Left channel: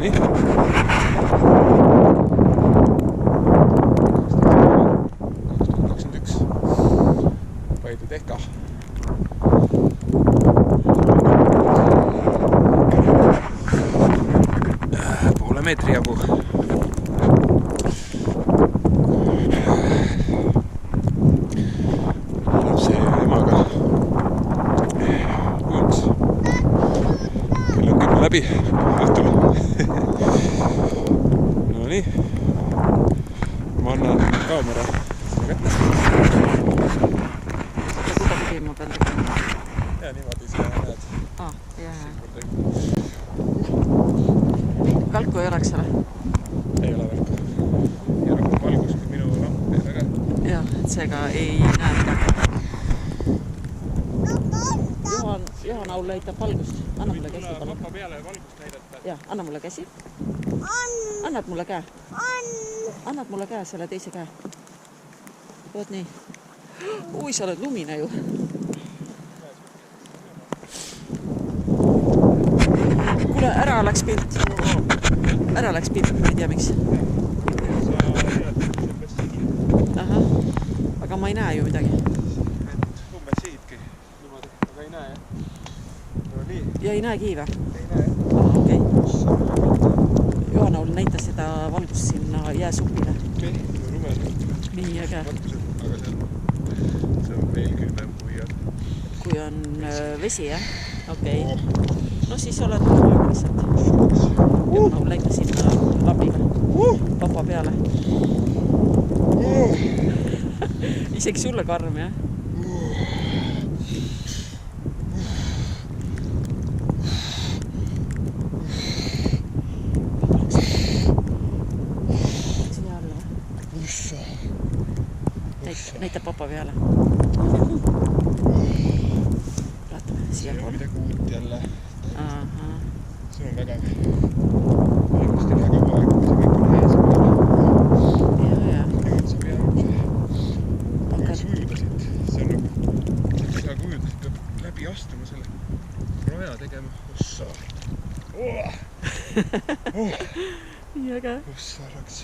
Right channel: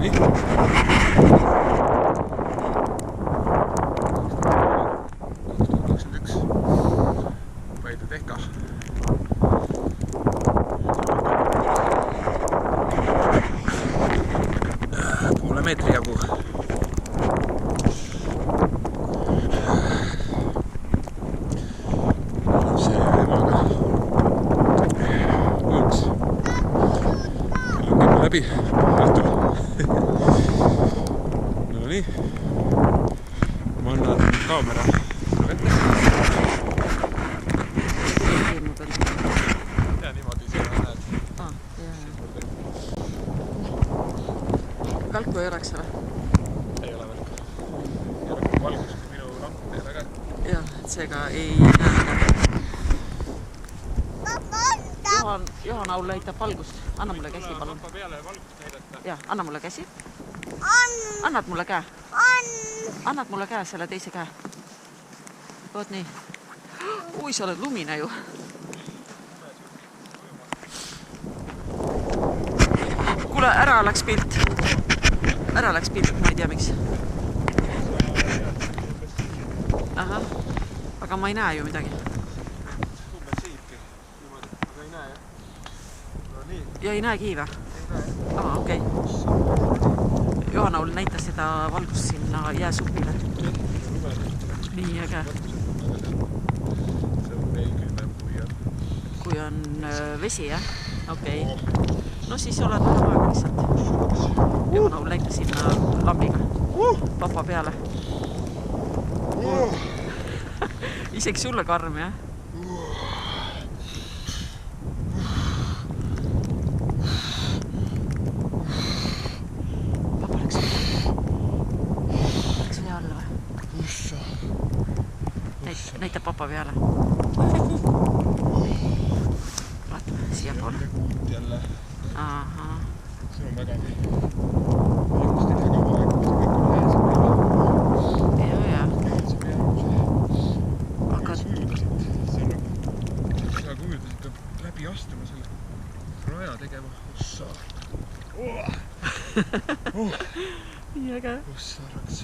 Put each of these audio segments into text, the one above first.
Nonii. Paidu Tehka. Poole meetri jagu. Lapse ja emaga ujuks. Kell on 10 läbi õhtul. No nii. Ma annan kaamera sinu kätte. Kuidagi ma pean tegema. Ja niimoodi sa näed. Ja. Välku ei oleks ole? Ei ole välku. Ja rohkem valgus kui minu lamp ei ole ka. Jah, et seega ei näe midagi. Johan Aul näitab valgust. Anna mulle käsi, palun. Papa peale valgust näidata. Ja, anna mulle käsi. Annad mulle käe? Annad mulle käe, selle teise käe. Oot nii. Ui, sa oled lumine ju. Kuule, ära läks pilt. Ära läks pilt, ma ei tea miks. Aha, aga ma ei näe ju midagi. Umbes siibki niimoodi, aga ei näe jah. No nii. Ja ei näegi või? Ei näe jah. Okei. Johan Aul näitas seda valgust sinna jääsupile. Nii äge. See on veel külmem kui on vesi, jah? Okei. No siis oled vähem aega lihtsalt. Johan Aul näitas sinna lambiga. Papa peale. Isegi sulle karm, jah? Papa läks vee alla või? Ussa. Näitab papa peale. Vaatame siia poole. See on midagi uut jälle. Aha. See on vägev. Valgust ei lähe kaua aeg, kui see kõik on hää siin peale. Ja. Nüüd saab jäänud. Aga ujudasid. See on nagu, sa kui ujudasid, peab läbi astuma selle raja tegema. Ussa. Nii äge. Ussa raks.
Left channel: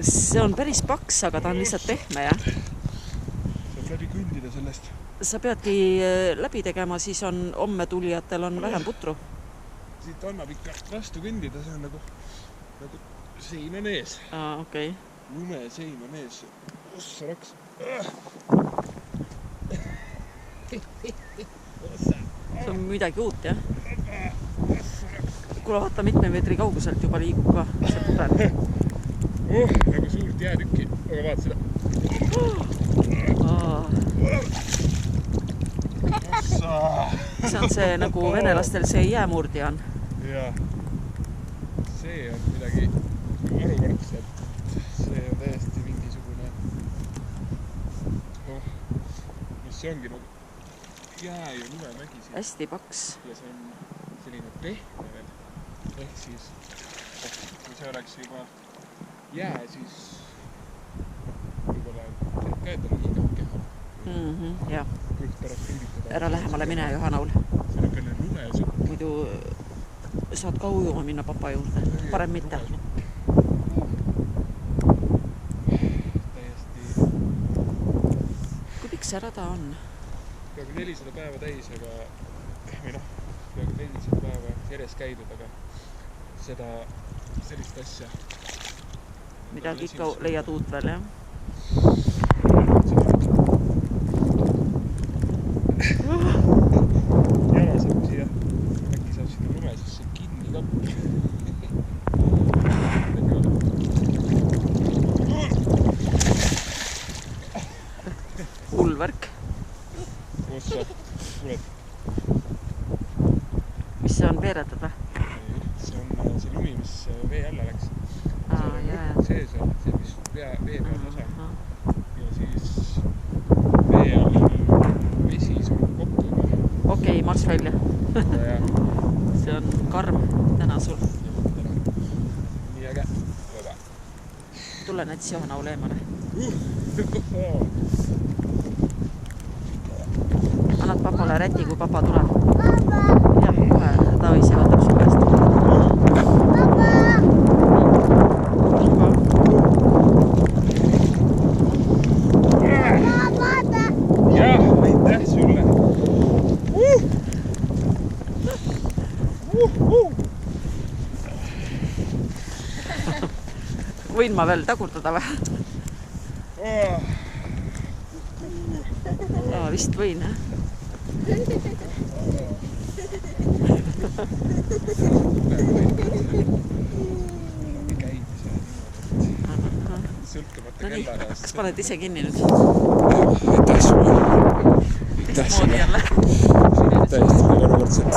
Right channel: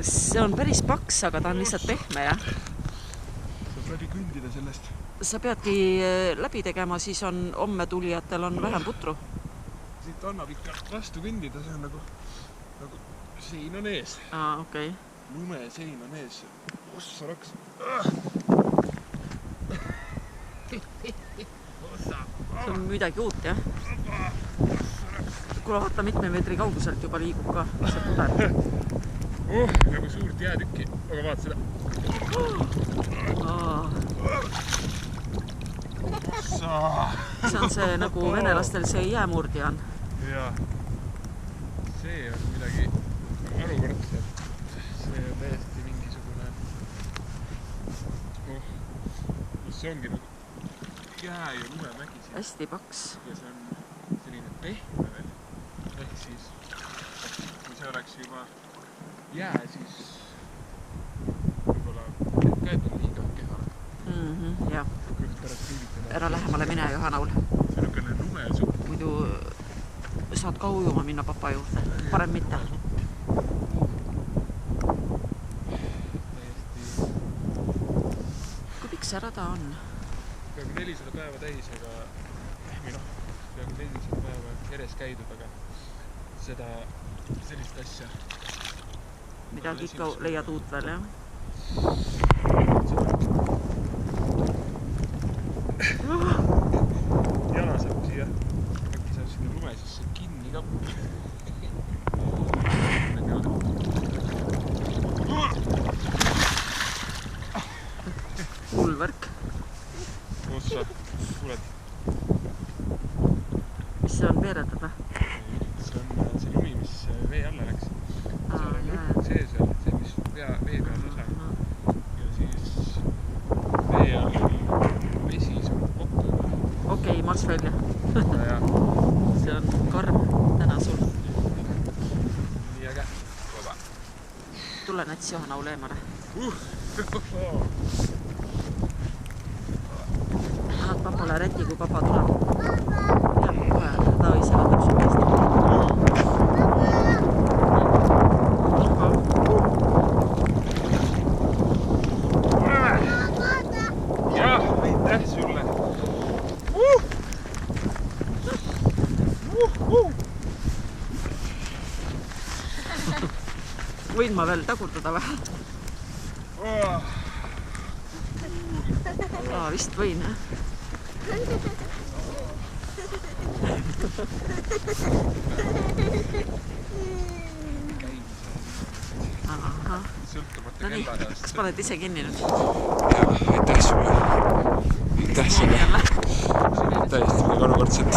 See on päris paks, aga ta on lihtsalt pehme, jah? Saab läbi kõndida sellest. Sa peadki läbi tegema, siis on homme tulijatel on vähem putru. Siit annab ikka vastu kõndida, see on nagu sein on ees. Okei. Lume sein on ees. Ossa raks. See on midagi uut, jah? Ossa raks. Kuule, vaata mitme meetri kauguselt juba liigub ka see puder. Nagu suurt jäätükki, aga vaata seda. See on see nagu venelastel see jäämurdja on. Jaa. See on midagi arukordset. See on täiesti mingisugune... No see ongi nagu jää ja lumemägi siin. Hästi paks. Ja see on selline pehme veel. Ehk siis, kui see oleks juba jää, siis võib-olla käed on liiga kehale. Jah. Kõht pärast pilditada. Ära lähemale mine, Johan Aul. See on õkkene lumesupp. Muidu saad ka ujuma minna papa juurde. Parem mitte. Täiesti... Kui pikk see rada on? Peaaegu 400 päeva täis, aga... Või noh, peaaegu 400 päeva järjest käidud, aga seda sellist asja... Midagi ikka leiad uut veel, jah? Seda jala saab siia, äkki saab sinna lume sisse kinni ka. Hull värk. Ossa, kuuled? Mis see on, veeretad või? See on see lumi, mis vee alla läks. See seal, see mis vee peal osa on. Ja siis vee all vesi surub kokku juba. Okei, marss välja. See on karm täna sul. Nii äge. Tule näits Johan Aul eemale. Annad papale räti, kui papa tuleb. Jah, kohe ta ise võtab su käest. Võin ma veel tagurdada või? Vist võin, jah? Sõltumata kellaajast. Kas paned ise kinni nüüd? Jah, aitäh sulle. Aitäh sulle. Täiesti midagi arukordset.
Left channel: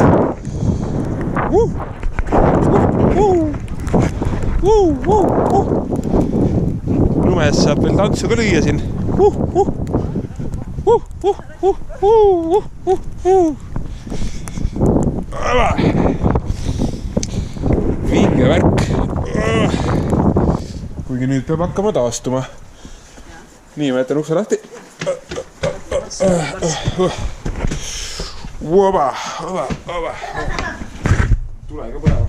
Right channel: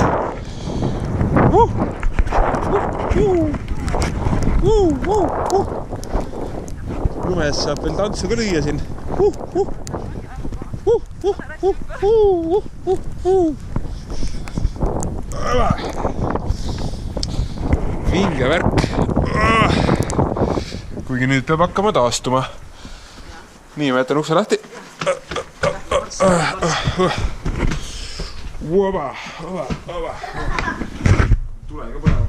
Lumes saab veel tantsu ka lüüa siin. Vinge värk. Kuigi nüüd peab hakkama taastuma. Nii, ma jätan ukse lahti. Oba. Tule ka põlema.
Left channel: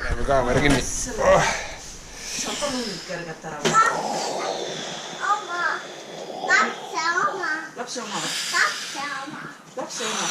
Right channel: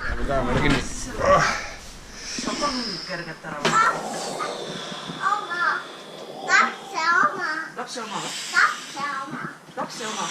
Läheme kaamera kinni. Saab ka nüüd kerget ära võtta. Lapse oma või? Lapse oma. Lapse oma.